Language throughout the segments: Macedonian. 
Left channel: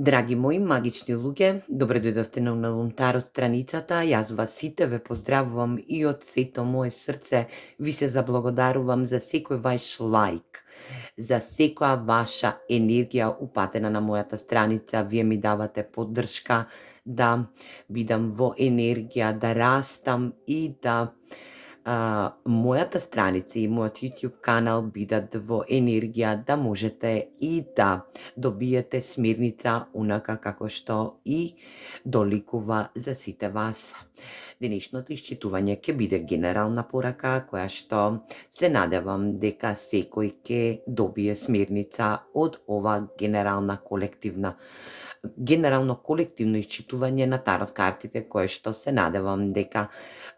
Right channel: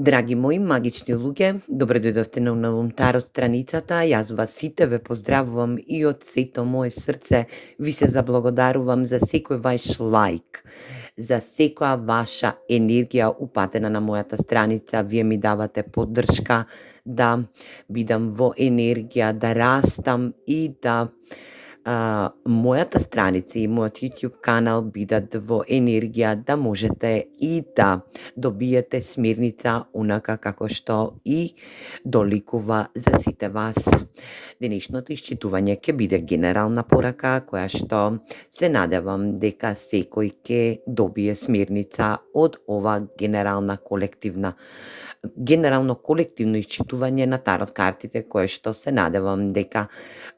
Драги мои магични луѓе, добре дојдовте на Унавум страницата. Јас вас сите ве поздравувам и од сето мое срце ви се заблагодарувам за секој ваш лајк, за секоја ваша енергија упатена на мојата страница. Вие ми давате поддршка да бидам во енергија, да растам и да мојата страница и мојот YouTube канал бидат во енергија да можете и да добиете смирница онака како што и доликува за сите вас. Денешното исчитување ќе биде генерална порака која што се надевам дека секој ќе добие смирница од ова генерално колективно исчитување на тарот картите, кое што се надевам дека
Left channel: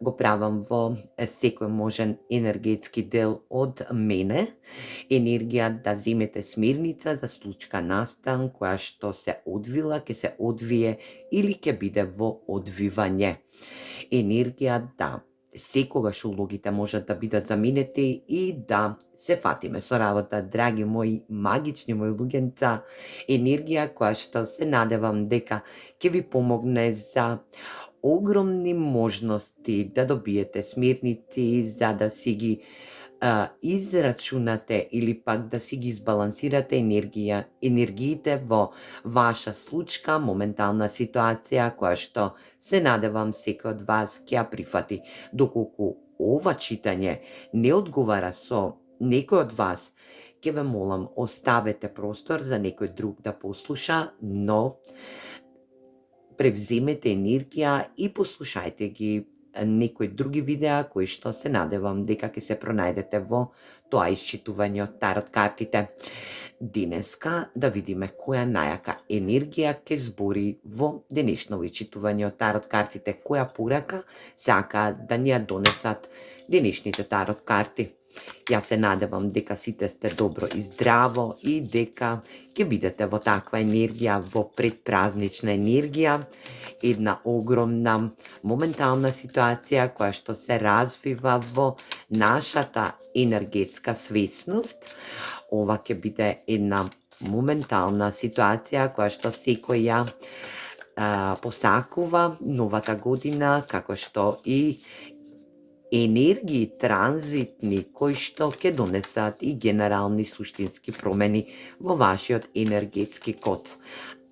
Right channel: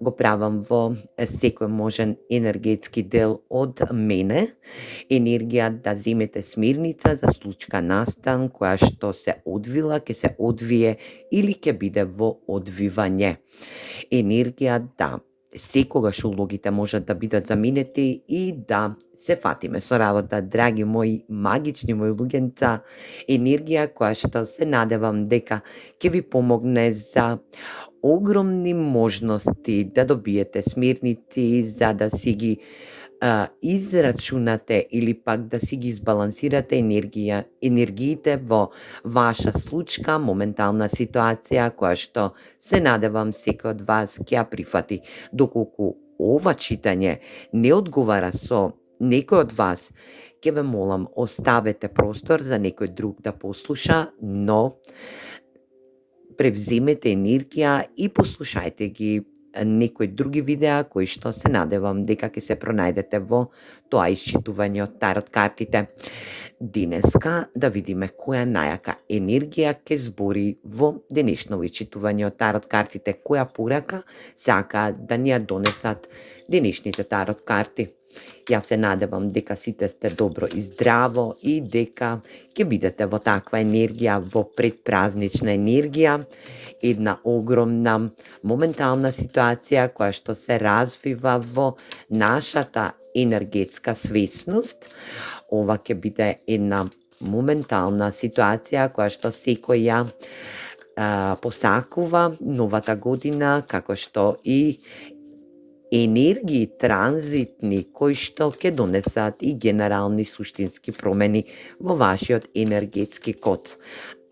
го правам во секој можен енергетски дел од мене. Енергија да земете смирница за случка настан која што се одвила, ќе се одвие или ќе биде во одвивање. Енергија да секогаш улогите можат да бидат заменети и да се фатиме со работа, драги мои магични мои луѓенца. Енергија која што се надевам дека ќе ви помогне за огромни можности да добиете смирници, за да си ги израчунате или пак да си ги избалансирате енергиите во ваша случка, моментална ситуација која што се надевам секој од вас ќе ја прифати. Доколку ова читање не одговара со некој од вас, ќе ве молам оставете простор за некој друг да послуша, но превземете енергија и послушајте ги некои други видеа кои што се надевам дека ќе се пронајдете во тоа исчитување од тарот картите. Денеска да видиме која најака енергија ќе збори во денешново исчитување од тарот картите, која порака сакаат да ни ја донесат денешните тарот карти. Јас се надевам дека сите сте добро и здраво и дека ќе бидете во таква енергија, во предпразнична енергија, една огромна моментална ситуација која што се развива во нашата енергетска свесност. Ова ќе биде една моментална ситуација која што секој ја посакува новата година, како што и енергии транзитни кои што ќе донесат и генерални суштински промени во вашиот енергетски код.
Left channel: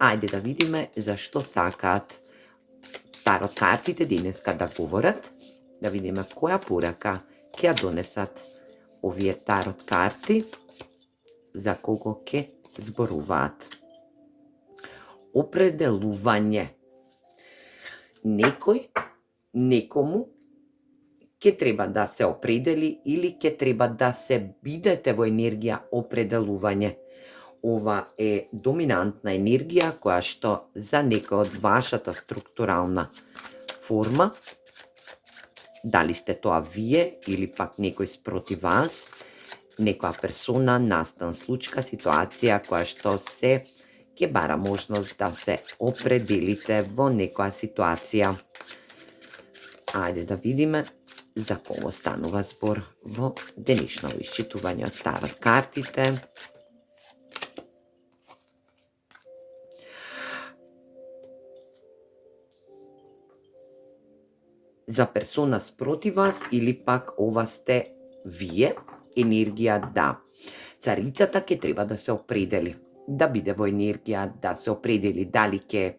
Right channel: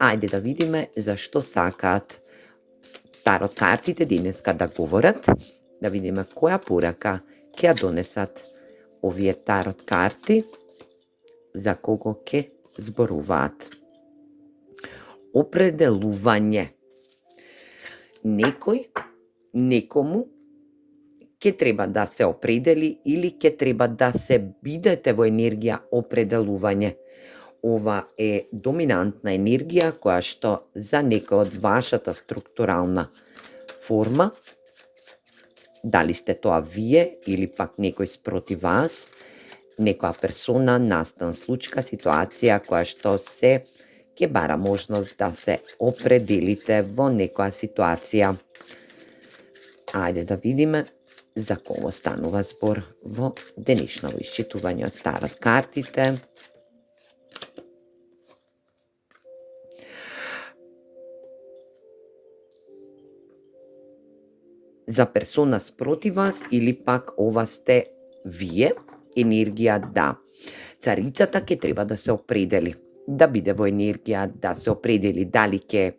Ајде да видиме за што сакаат тарот картите денеска да говорат, да видиме која порака ќе ја донесат овие тарот карти, за кого ќе зборуваат. Определување. Некому ќе треба да се определи или ќе треба да се бидете во енергија определување. Ова е доминантна енергија која што за некој од вашата структурална форма, дали сте тоа вие или пак некој спроти вас, некоја персона, настан, случка, ситуација која што се ќе бара можност да се определите во некоја ситуација. Ајде да видиме за кого станува збор во денешново исчитување од тарот картите. За персона спроти вас или пак ова сте вие, енергија да. Царицата ќе треба да се определи, да биде во енергија да се определи дали ќе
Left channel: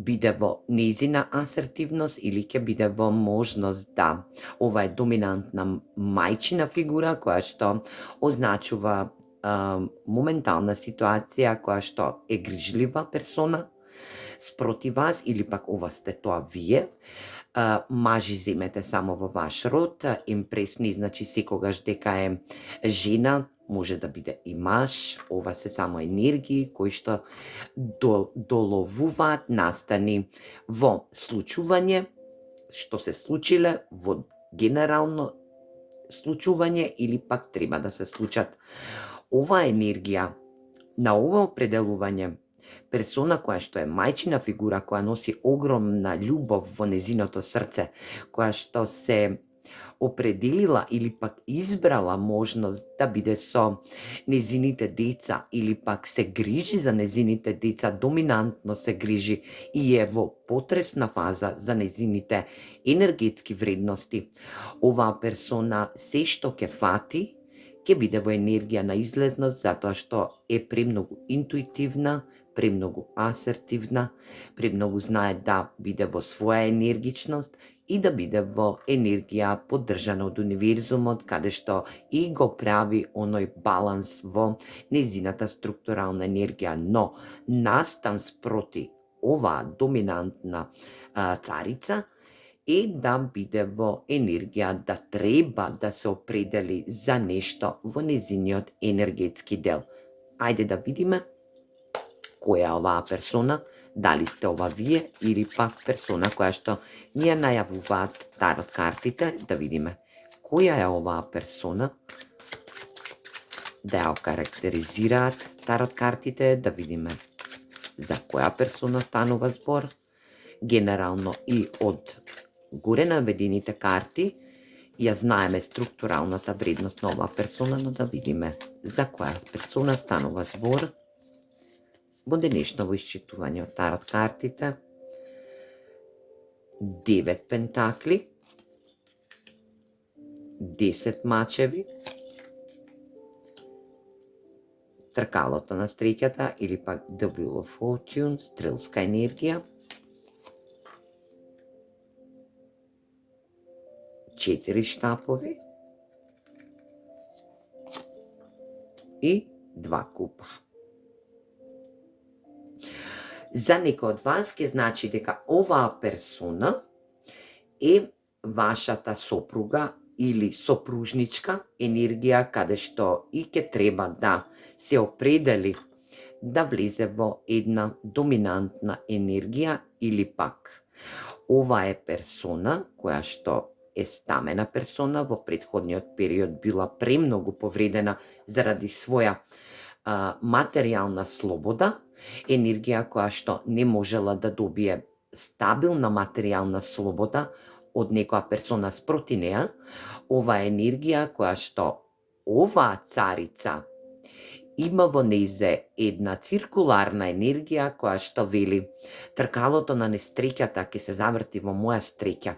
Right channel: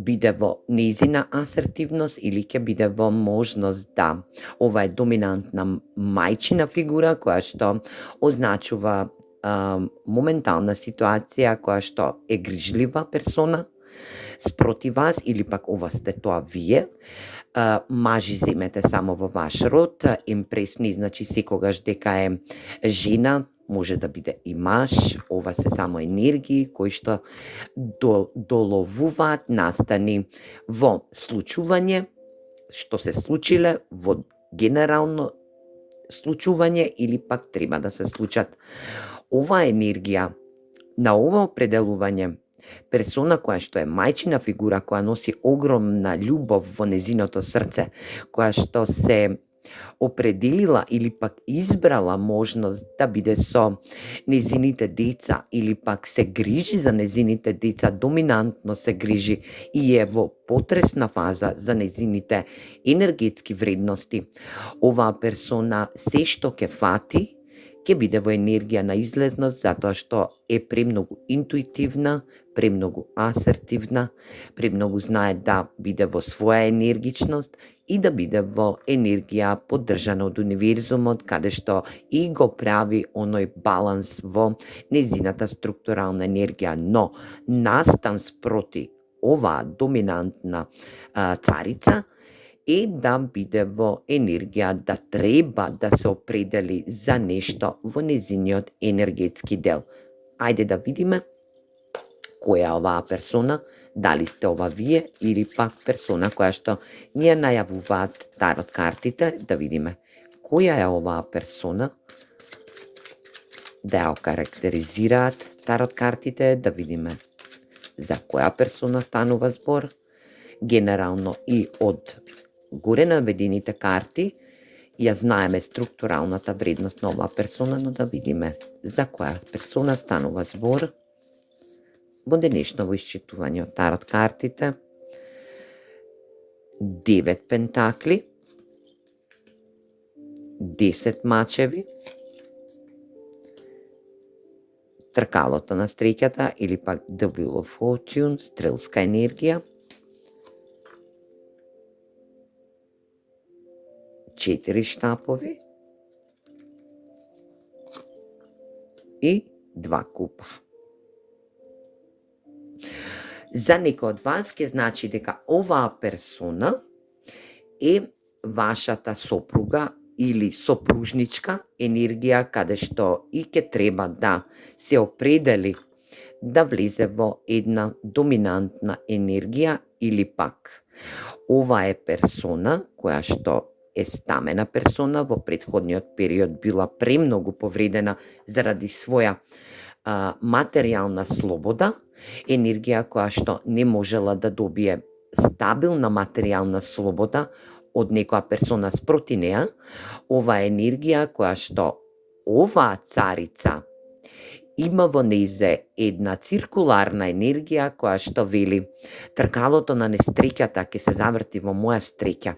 биде во нејзина асертивност или ќе биде во можност да. Ова е доминантна мајчина фигура која што означува моментална ситуација која што е грижлива персона спроти вас или пак ова сте тоа вие. Мажи земете само во ваш род, импресни значи секогаш дека е жена, може да биде и маж, ова се само енергии кои што доловуваат настани во случување, што се случиле во генерално случување или пак треба да се случат. Ова енергија на ова определување, персона која што е мајчина фигура, која носи огромна љубов во незиното срце, која што се определила или пак избрала можност да биде со нејзините деца или пак се грижи за нејзините деца, доминантно се грижи и е во потресна фаза за нејзините енергетски вредности, оваа персона се што ќе фати, ќе биде во енергија на излезност затоа што е премногу интуитивна, премногу асертивна, премногу знае да биде во своја енергичност и да биде во енергија поддржана од универзумот, каде што и го прави оној баланс во нејзината структурална енергија. Но, настан спроти оваа доминантна царица е да биде во енергија да треба да се определи за нешто во нејзиниот енергетски дел. Ајде да видиме која е оваа персона, дали сте ова вие или пак персона која што ни ја најавуваат тарот картите, да видиме која е оваа персона, да ја окарактеризираат тарот картите, да видиме за која персона станува збор. Генерално и од горе наведените карти ја знаеме структуралната вредност на оваа персона, но да видиме за која персона станува збор во денешново исчитување од тарот картите. 9 пентакли, 10 мачеви, тркалото на среќата или пак The Wheel of Fortune, стрелска енергија, 4 штапови и 2 купа. За некој од вас ќе значи дека оваа персона е вашата сопруга или сопружничка енергија, каде што и ќе треба да се определи да влезе во една доминантна енергија или пак ова е персона која што е стамена персона, во претходниот период била премногу повредена заради своја материјална слобода, енергија која што не можела да добие стабилна материјална слобода од некоја персона спроти неа. Ова е енергија која што оваа царица има во нејзе една циркуларна енергија која што вели тркалото на несреќата ќе се заврти во моја среќа.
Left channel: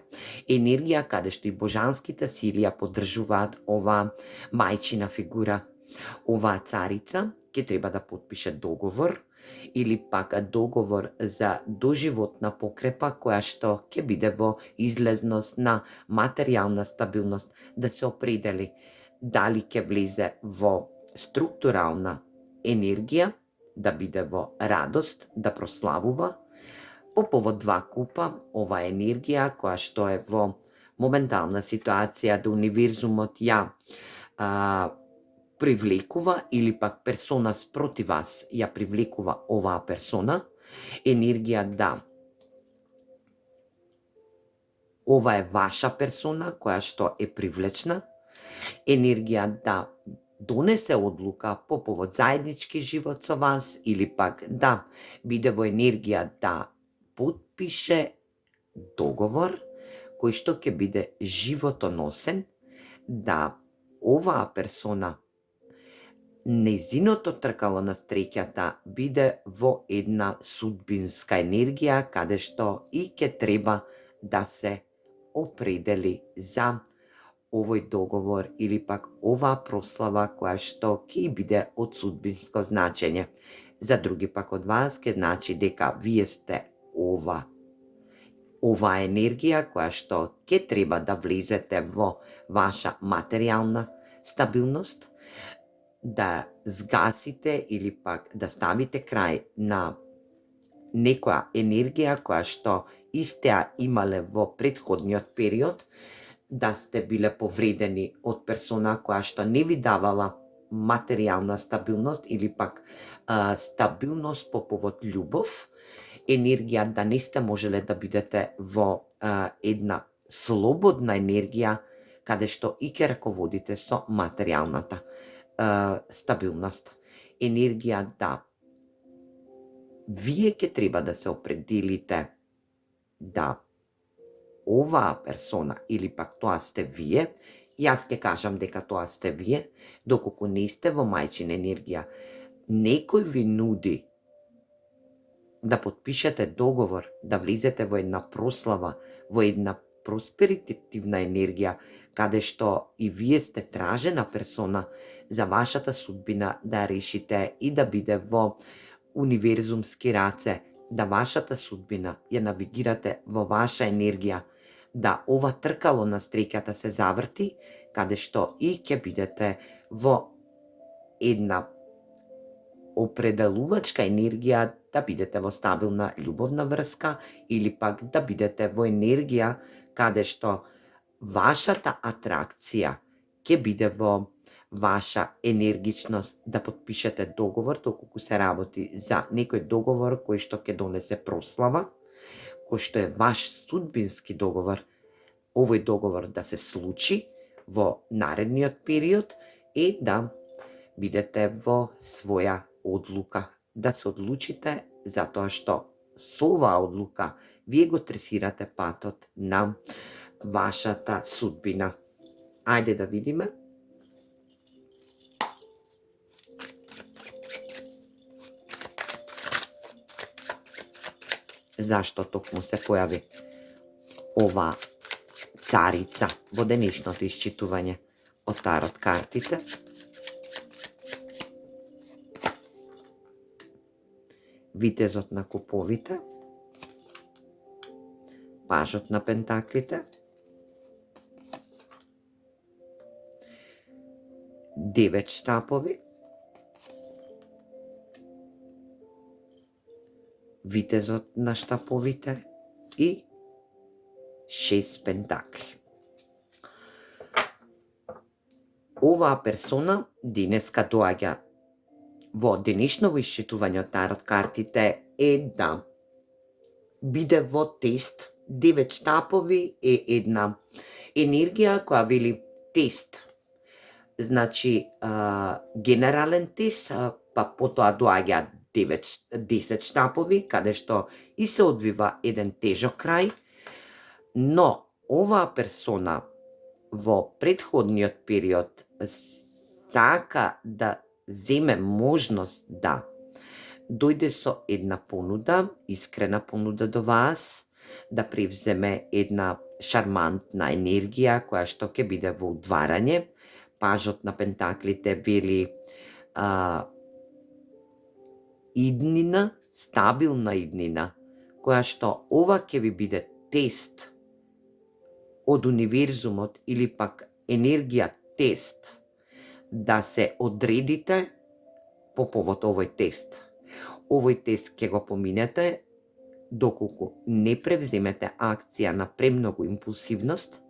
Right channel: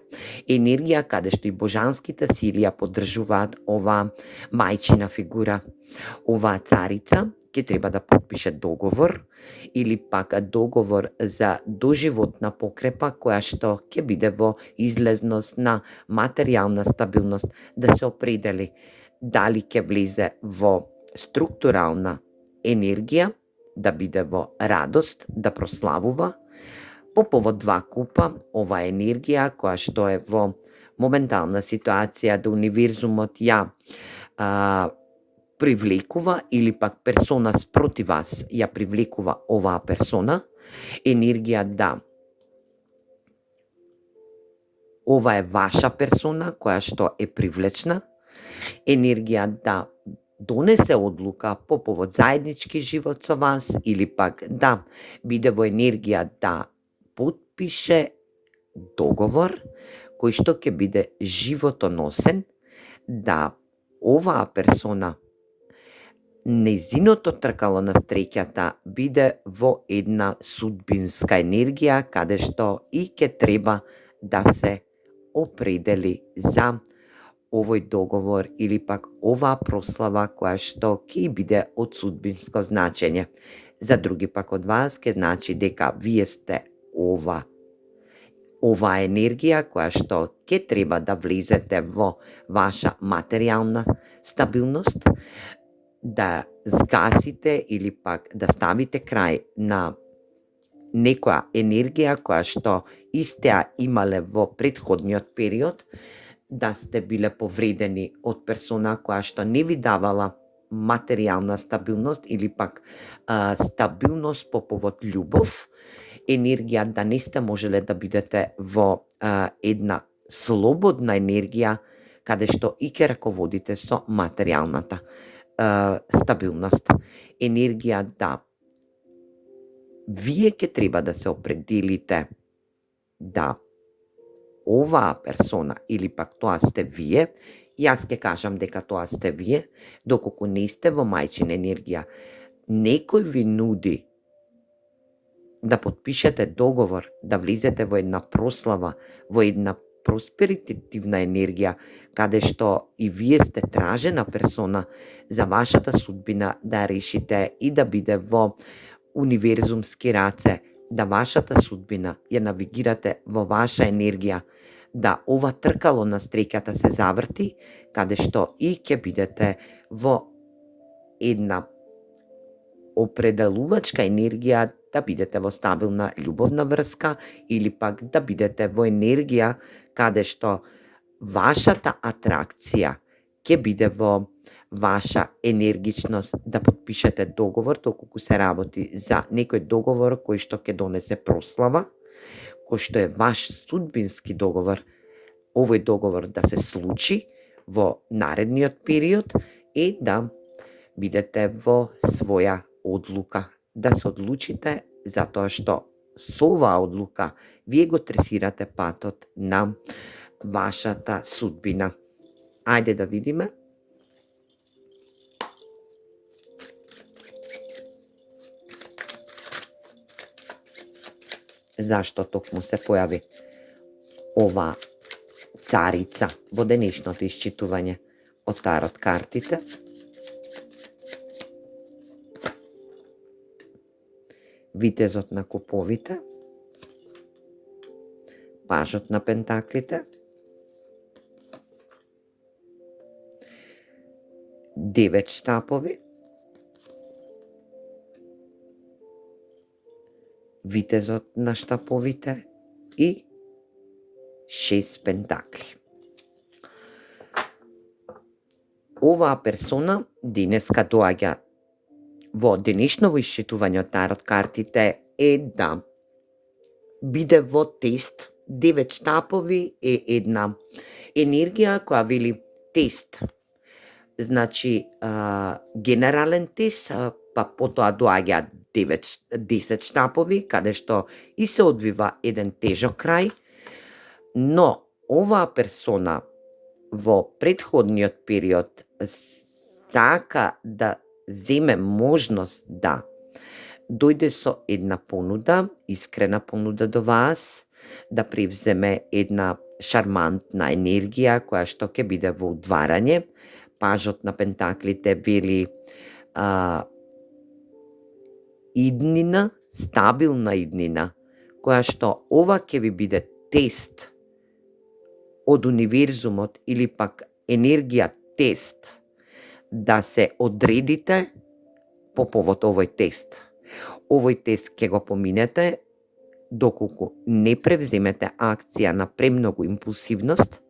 Енергија каде што и божанските сили ја поддржуваат оваа мајчина фигура. Оваа царица ќе треба да подпише договор или пак договор за доживотна покрепа која што ќе биде во излезност на материјална стабилност, да се определи дали ќе влезе во структурална енергија, да биде во радост, да прославува. По повод 2 купа, ова е енергија која што е во моментална ситуација да универзумот ја привлекува или пак персона спроти вас ја привлекува оваа персона, енергија да ова е ваша персона која што е привлечна, енергија да донесе одлука по повод заеднички живот со вас или пак да биде во енергија да потпише договор кој што ќе биде животоносен, да оваа персона нејзиното тркало на среќата биде во една судбинска енергија каде што и ќе треба да се определи за овој договор или пак оваа прослава која што ќе биде од судбинско значење. За други пак од вас ќе значи дека вие сте оваа енергија која што ќе треба да влезете во ваша материјална стабилност, да згасите или пак да ставите крај на некоја енергија која што истеа имале во претходниот период, да сте биле повредени од персона која што не ви давала материјална стабилност или пак стабилност по повод љубов, енергија да не сте можеле да бидете во една слободна енергија каде што и ќе раководите со материјалната стабилност. Енергија да вие ќе треба да се определите да оваа персона или пак тоа сте вие, јас ќе кажам дека тоа сте вие, доколку не сте во мајчина енергија, некој ви нуди да потпишете договор, да влезете во една прослава, во една просперитетивна енергија, каде што и вие сте тражена персона за вашата судбина да ја решите и да биде во универзумски раце, да вашата судбина ја навигирате во ваша енергија, да ова тркало на среќата се заврти, каде што и ќе бидете во една определувачка енергија да бидете во стабилна љубовна врска или пак да бидете во енергија каде што вашата атракција ќе биде во ваша енергичност да потпишете договор, доколку се работи за некој договор кој што ќе донесе прослава, кој што е ваш судбински договор, овој договор да се случи во наредниот период и да бидете во своја одлука, да се одлучите затоа што со оваа одлука вие го тресирате патот на вашата судбина. Ајде да видиме. Зашто токму се појави ова царица во денешното исчитување од тарот картите? Витезот на куповите, пажот на пентаклите, девет штапови, витезот на штаповите и 6 пентакли. Оваа персона денеска доаѓа во денешново исчитување од тарот картите е да биде во тест. 9 штапови е една енергија која вели тест. Значи, генерален тест, па потоа доаѓа 10 штапови, каде што и се одвива еден тежок крај, но оваа персона во претходниот период сака да земе можност да дојде со една понуда, искрена понуда до вас, да превземе една шармантна енергија која што ќе биде во удварање. Пажот на пентаклите вели иднина, стабилна иднина, која што ова ќе ви биде тест од универзумот или пак енергија тест да се одредите по повод овој тест. Овој тест ќе го поминете доколку не превземете акција на премногу импулсивност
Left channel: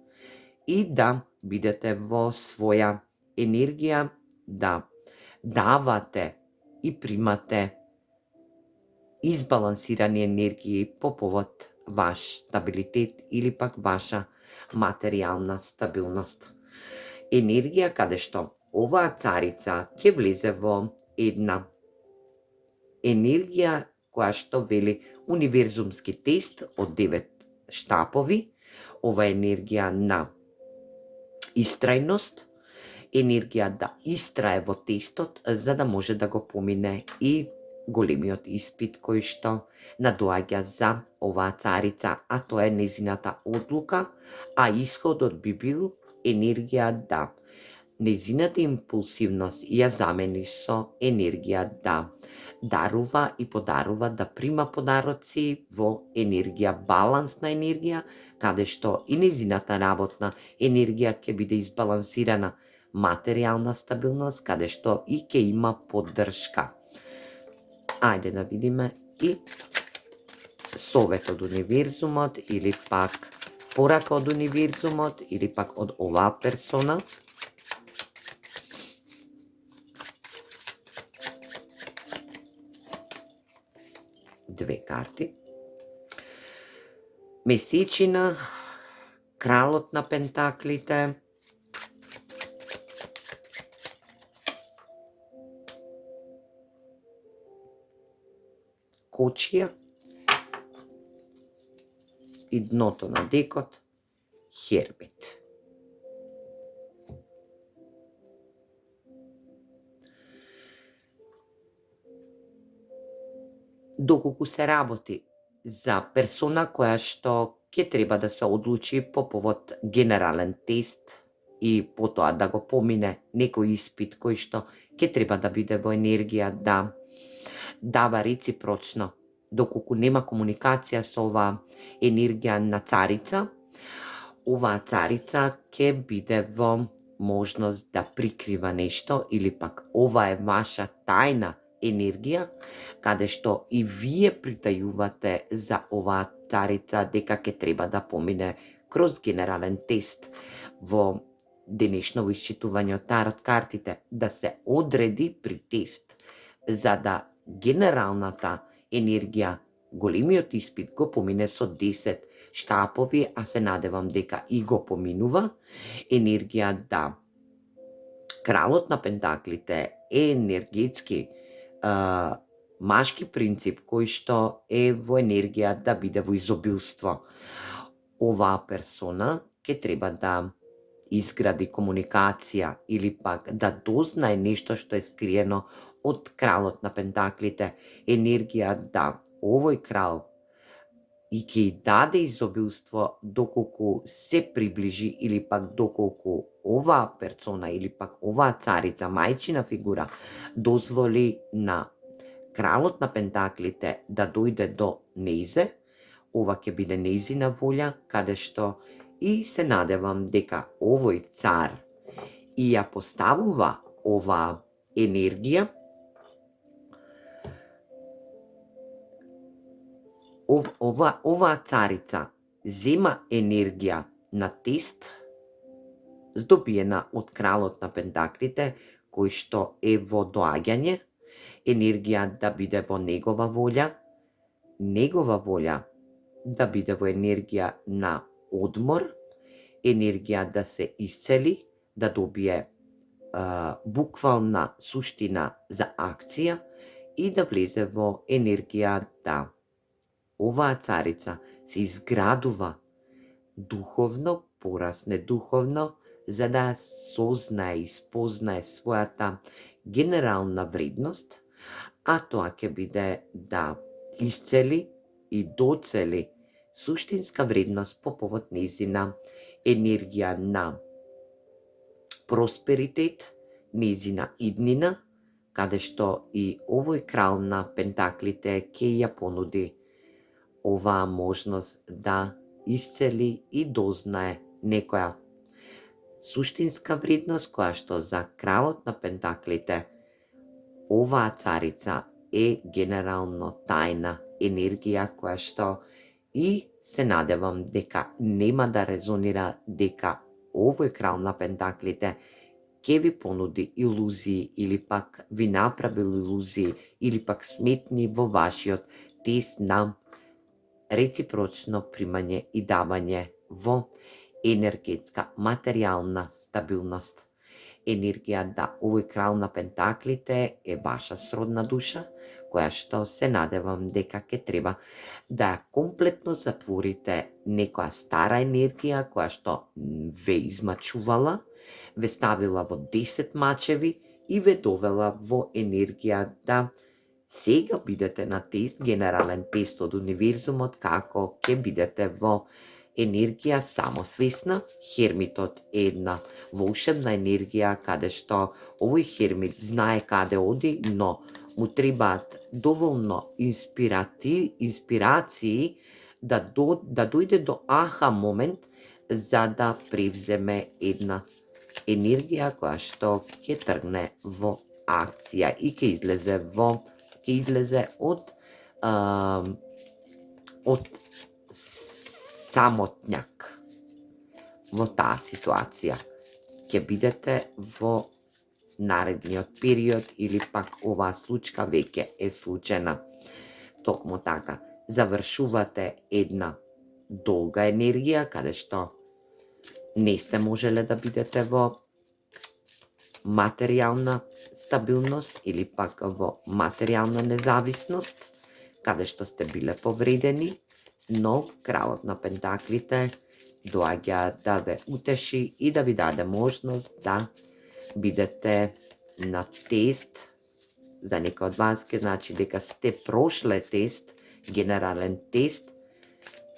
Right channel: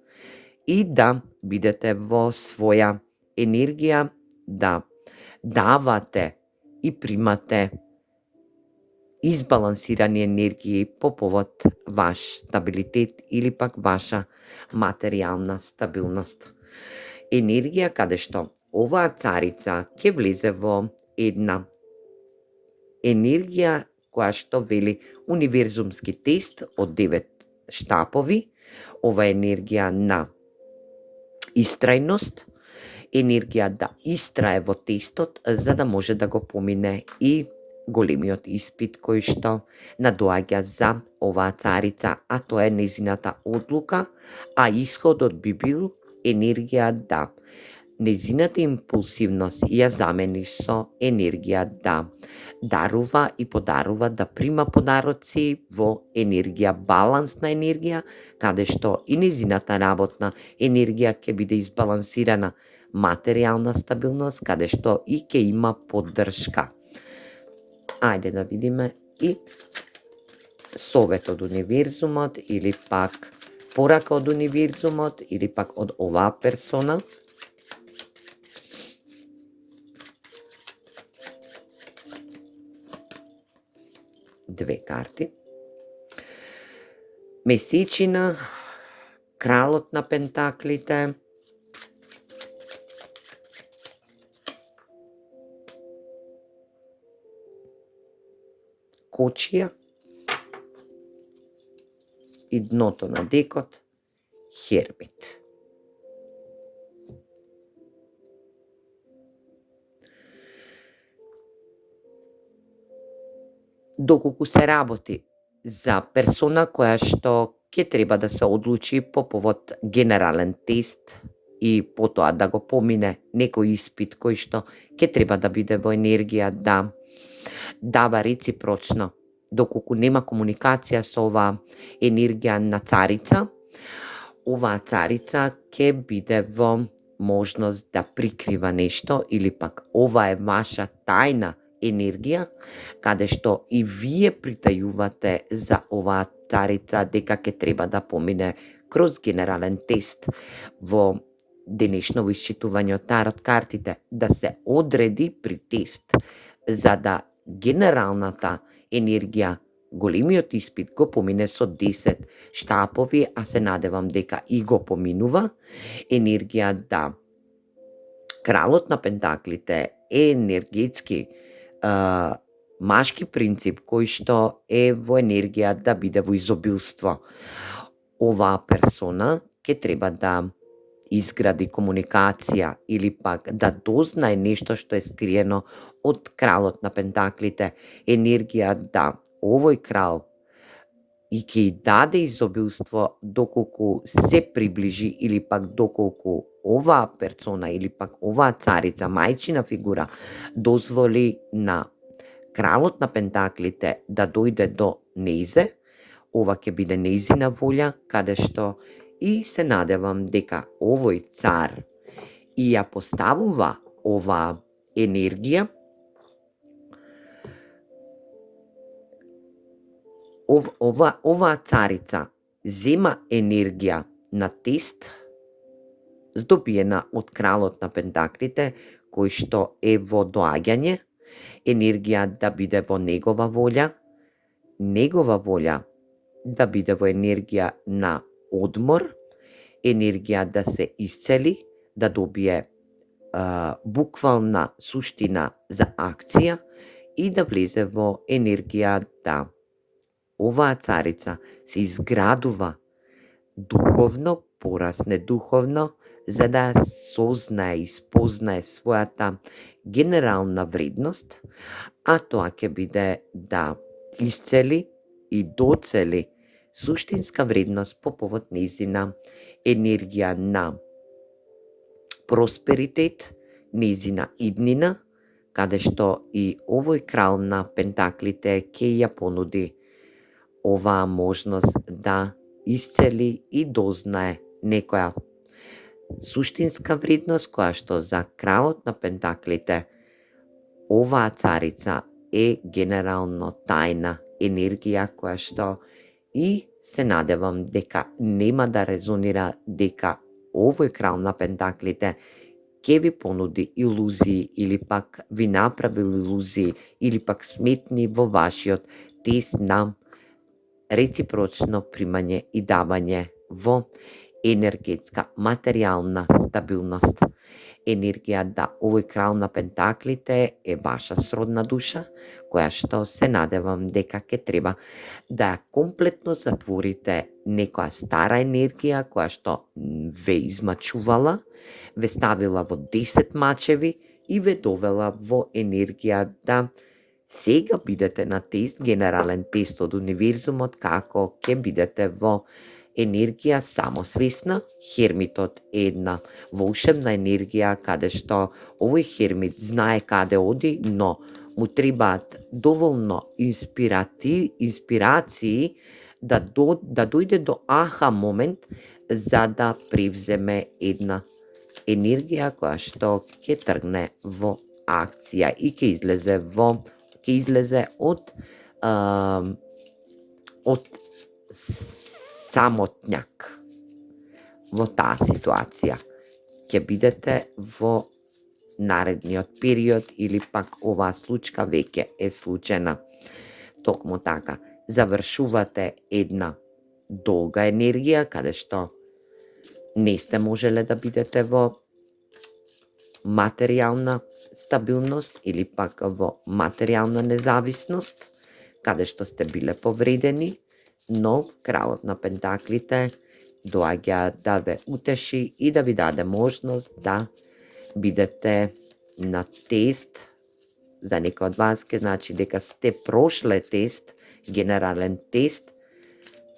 и да бидете во своја енергија, да давате и примате избалансирани енергии по повод ваш стабилитет или пак ваша материјална стабилност. Енергија каде што оваа царица ќе влезе во една енергија која што вели универзумски тест од 9 штапови, ова е енергија на истрајност, енергија да истрае во тестот за да може да го помине и големиот испит кој што надоаѓа за оваа царица, а тоа е незината одлука, а исходот би бил енергија да незината импулсивност ја замени со енергија да дарува и подарува, да прима подароци во енергија, балансна енергија, каде што и незината работна енергија ќе биде избалансирана, материјална стабилност, каде што и ќе има поддршка. Ајде да видиме и совет од универзумот или пак порака од универзумот или пак од оваа персона. Две карти. Месечина, кралот на пентаклите, кочија и дното на декот, Хермит. Доколку се работи за персона која што ќе треба да се одлучи по повод генерален тест и потоа да го помине некој испит кој што ќе треба да биде во енергија да дава реципрочно, доколку нема комуникација со оваа енергија на царица, оваа царица ќе биде во можност да прикрива нешто или пак ова е ваша тајна енергија, каде што и вие притајувате за оваа царица дека ќе треба да помине кроз генерален тест во денешно исчитување од тарот картите, да се одреди при тест, за да генералната енергија, големиот испит го помине со 10 штапови, а се надевам дека и го поминува, енергија да кралот на пентаклите е енергетски машки принцип кој што е во енергија да биде во изобилство. Оваа персона ќе треба да изгради комуникација или пак да дознае нешто што е скриено од кралот на пентаклите, енергија да овој крал и ќе и даде изобилство доколку се приближи или пак доколку оваа персона или пак оваа царица, мајчина фигура, дозволи на кралот на пентаклите да дојде до нејзе, ова ќе биде нејзина волја, каде што и се надевам дека овој цар и ја поставува оваа енергија, оваа царица зема енергија на тест, здобиена од кралот на пентаклите, кој што е во доаѓање, енергија да биде во негова волја да биде во енергија на одмор, енергија да се исцели, да добие буквална суштина за акција и да влезе во енергија да оваа царица се изградува духовно, порасне духовно, за да сознае и спознае својата генерална вредност, а тоа ќе биде да исцели и доцели суштинска вредност по повод нејзина енергија на просперитет, нејзина иднина, каде што и овој крал на пентаклите ќе ја понуди оваа можност да исцели и дознае некоја суштинска вредност која што за кралот на пентаклите оваа царица е генерално тајна енергија која што и се надевам дека нема да резонира дека овој крал на пентаклите ќе ви понуди илузии или пак ви направи илузии или пак сметни во вашиот тест на реципрочно примање и давање во енергетска, материјална стабилност. Енергија да овој крал на пентаклите е ваша сродна душа, која што се надевам дека ќе треба да комплетно затворите некоја стара енергија која што ве измачувала, ве ставила во 10 мачеви и ве довела во енергија да сега бидете на тест, генерален тест од универзумот, како ќе бидете во енергија самосвесна. Хермитот е една волшебна енергија каде што овој хермит знае каде оди, но му требаат доволно инспирации да дојде до аха момент за да превземе една енергија која што ќе тргне во акција и ќе излезе од самотњак во таа ситуација. Ќе бидете во наредниот период или пак оваа случка веќе е случена. Токму така, завршувате една долга енергија каде што не сте можеле да бидете во материјална стабилност или пак во материјална независност, каде што сте биле повредени, но кралот на пентаклите доаѓа да ве утеши и да ви даде можност да бидете на тест. За некој од вас ке значи дека сте прошле тест, генерален тест,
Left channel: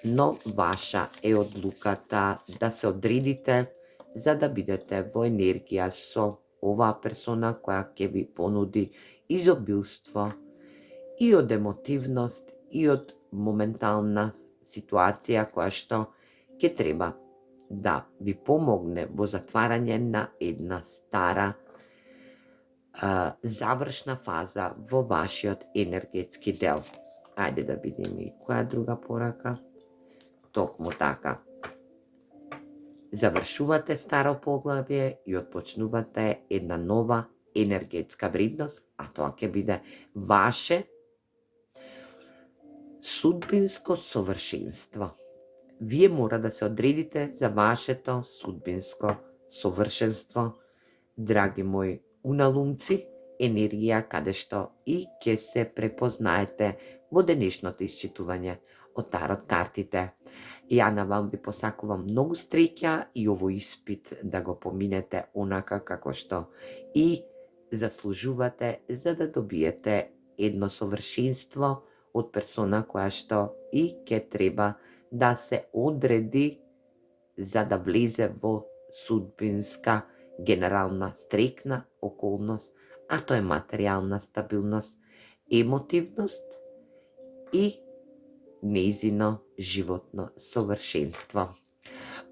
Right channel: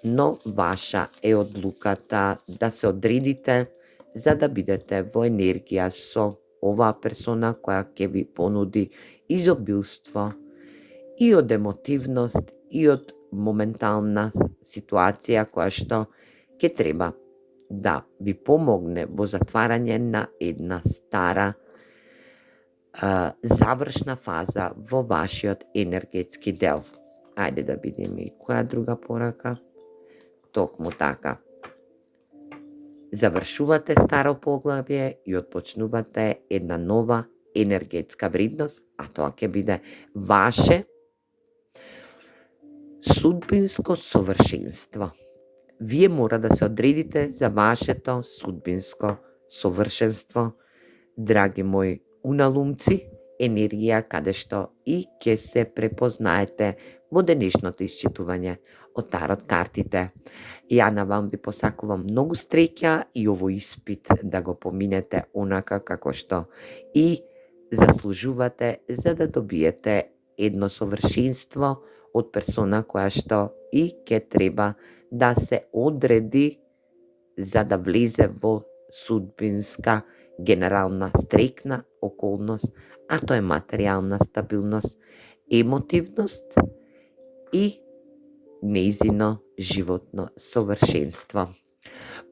но ваша е одлуката да се одредите за да бидете во енергија со оваа персона која ќе ви понуди изобилство и од емотивност и од моментална ситуација која што ќе треба да ви помогне во затварање на една стара завршна фаза во вашиот енергетски дел. Ајде да видиме и која друга порака. Токму така. Завршувате старо поглавје и отпочнувате една нова енергетска вредност, а тоа ќе биде ваше судбинско совршенство. Вие мора да се одредите за вашето судбинско совршенство, драги мои уналумци, енергија каде што и ќе се препознаете во денешното исчитување од тарот картите. Ја на вам ви посакувам многу среќа и овој испит да го поминете онака како што и заслужувате, за да добиете едно совршенство од персона која што и ќе треба да се одреди за да влезе во судбинска генерална стрекна околност, а тоа е материјална стабилност, емотивност и нејзино животно совршенство.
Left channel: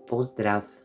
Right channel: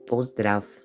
Поздрав!